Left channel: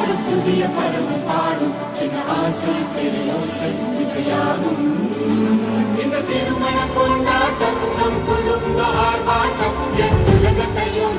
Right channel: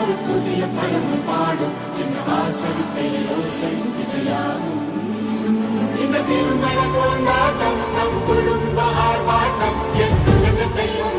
ஒரு புதிய பருவம் பாடும் என ஆசை பேரோசை இசையாகும். இந்த திருமண கொண்டாட்டம் நம் குடும்ப ஆர்ப்பாட்டம் என் உலகத்தையும்